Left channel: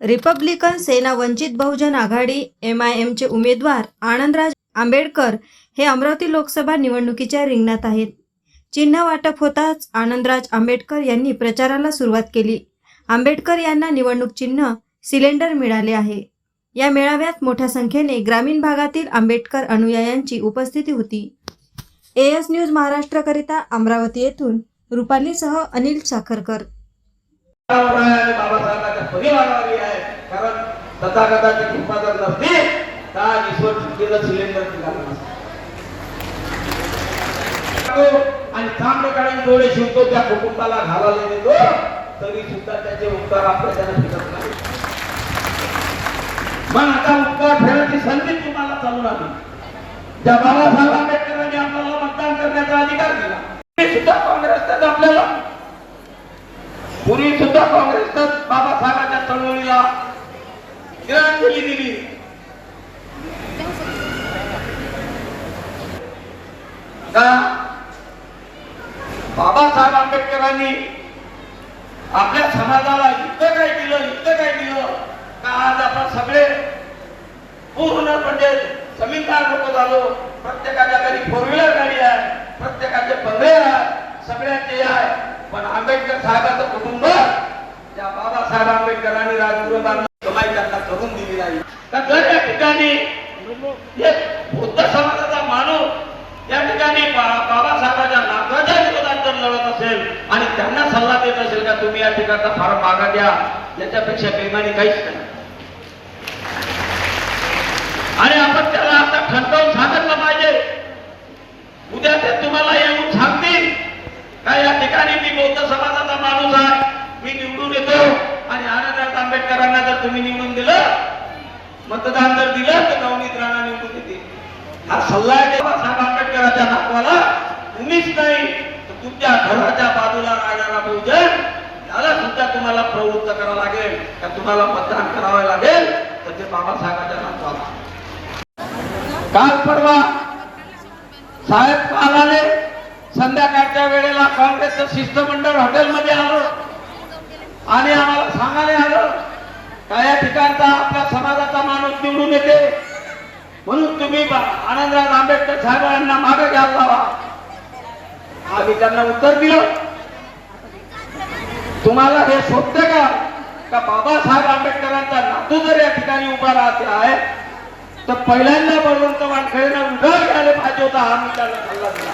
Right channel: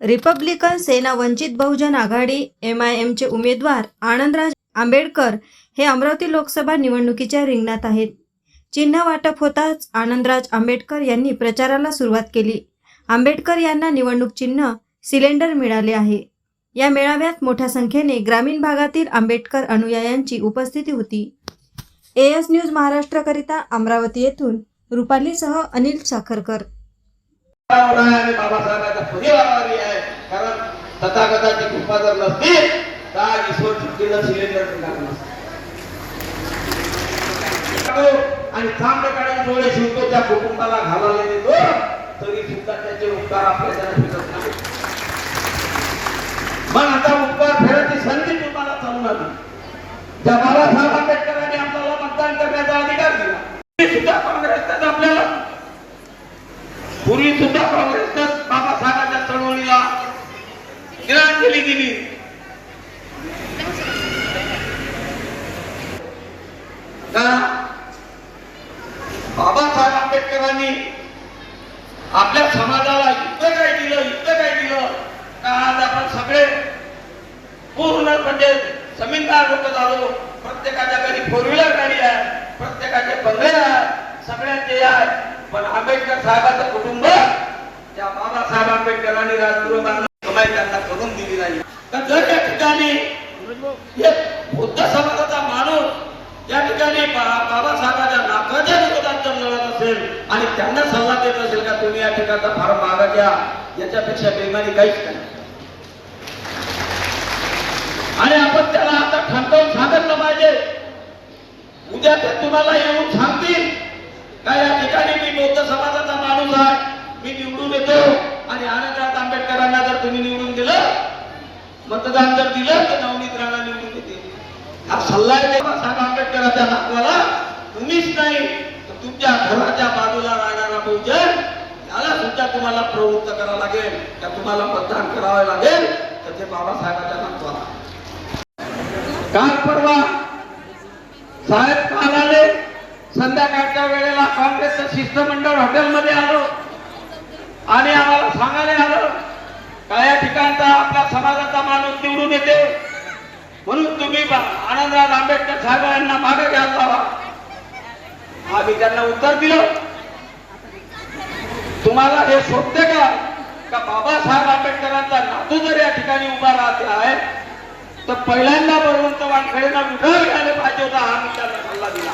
Republican Sena Vanchit Bahujan Aghadi M I एमचे उमेदवार आनंदराज आंबेडकर हे अमरावती लोकसभा निवडणुकीच्या रिंगणात आहेत. चिन्ह वाटप होताच आनंदराज आंबेडकर यांनी प्रचाराला सुरुवात केली. आंबेडकर यांना निवडणूक चिन्ह सिलेंडर मिळाले आहे. या मेळाव्यात मोठ्या संख्येने ग्रामीण भागातील आंबेडकर अनुयायांची उपस्थिती होती. एएस न्यूज महाराष्ट्रकरिता अमरावती येथून रुपालीसह अनिल साखरकर. आहे आणि बाबासाहेबांच्या परिवारावरही आहे. कारण तथागताची कृपा जर नसती तर ईश्वर चुकीला सिलेंडर लागला आणि चांगलं कारण डोळे शिवतो त्या कुटुंबाला घालायला देतो तरी सुद्धा त्याचे उपकार आपल्या त्याने फिरत नाही. मग आता उपकार फेरायची संधी तुम्हाला चालू लागली त्या बाबासाहेब आंबेडकरांनी आपल्याला मतदान करण्याचा अधिकार दिला तरी सुद्धा काँग्रेसच्याच आपल्याला पूर्वी सुद्धा काँग्रेसनं बाबासाहेबांच्या चळवळीला तिलांजली दिली. बाबासाहेब आंबेडकरांनी आपल्या समाजाला इतकं काय दिलं इतकं काय दिलं का आज आपण सगळे पूर्ण म्हणजे जमीनदार लोक झालो प्रत्येकाच्या घरी फोर व्हीलर आंबेडकर साहेबांचं कुटुंब त्या बाबासाहेब आंबेडकरांनी राजगुरुबांना त्यांना करून दिली नाही. तर जर त्या ठिकाणी बुद्ध समाजाचा माणूस या ठिकाणी बाबासाहेबांच्या नाकाच्या विरोधात लढत असेल आणि त्यांना सल्ला देत असेल का तुम्ही या ठिकाणचा फार मागा द्या याच्यापेक्षा प्रेमाने काहीच नाही. आणि आपण त्याला आता खंडवून सांगितलं पाहिजे उद्या ते तुम्हाला येऊन सांगतील का या ठिकाणी मी बौद्ध समाजाचा माणूस आहे मी निवडून येतो आणि आनंदराज आंबेडकरांना जर तुम्ही निवडून दिलं मतदान जर दिलं तर नवनीत राणा निवडून येतील. हा सल्ला आहे बाबासाहेब नावाला तुम्हीच नाही तर तुमच्या घराच्या बाजूला राहणारा बहुजन त्याला सुद्धा तुम्हाला प्रवृत्त करावं लागेल. तर तुम्हाला मतदान करावं लागेल. तर ते बाबासाहेबांच्या नावाला काल परवा साहेब काल आले संध्याकाळच्या वेळेला काँग्रेसचं शिष्टमंडळ हॉटेलमध्ये आलं. आणि आम्हाला सांगायला आलं का या ठिकाणचा आपल्या समाजाचा माणूस निवडून येते आनंदराव आंबेडकर साहेबांना मागे घ्यायला हवा. आम्ही त्यांना उत्तर दिलं. तुम्हाला हे शोधते का? का बाबासाहेब आंबेडकरांचा नातू जर या ठिकाणी उभा राहते आहे तर पहिल्यांदा बोलून वानखेडेला उभं घ्यायला पाहिजे होता हा मी त्यांना सल्ला दिला.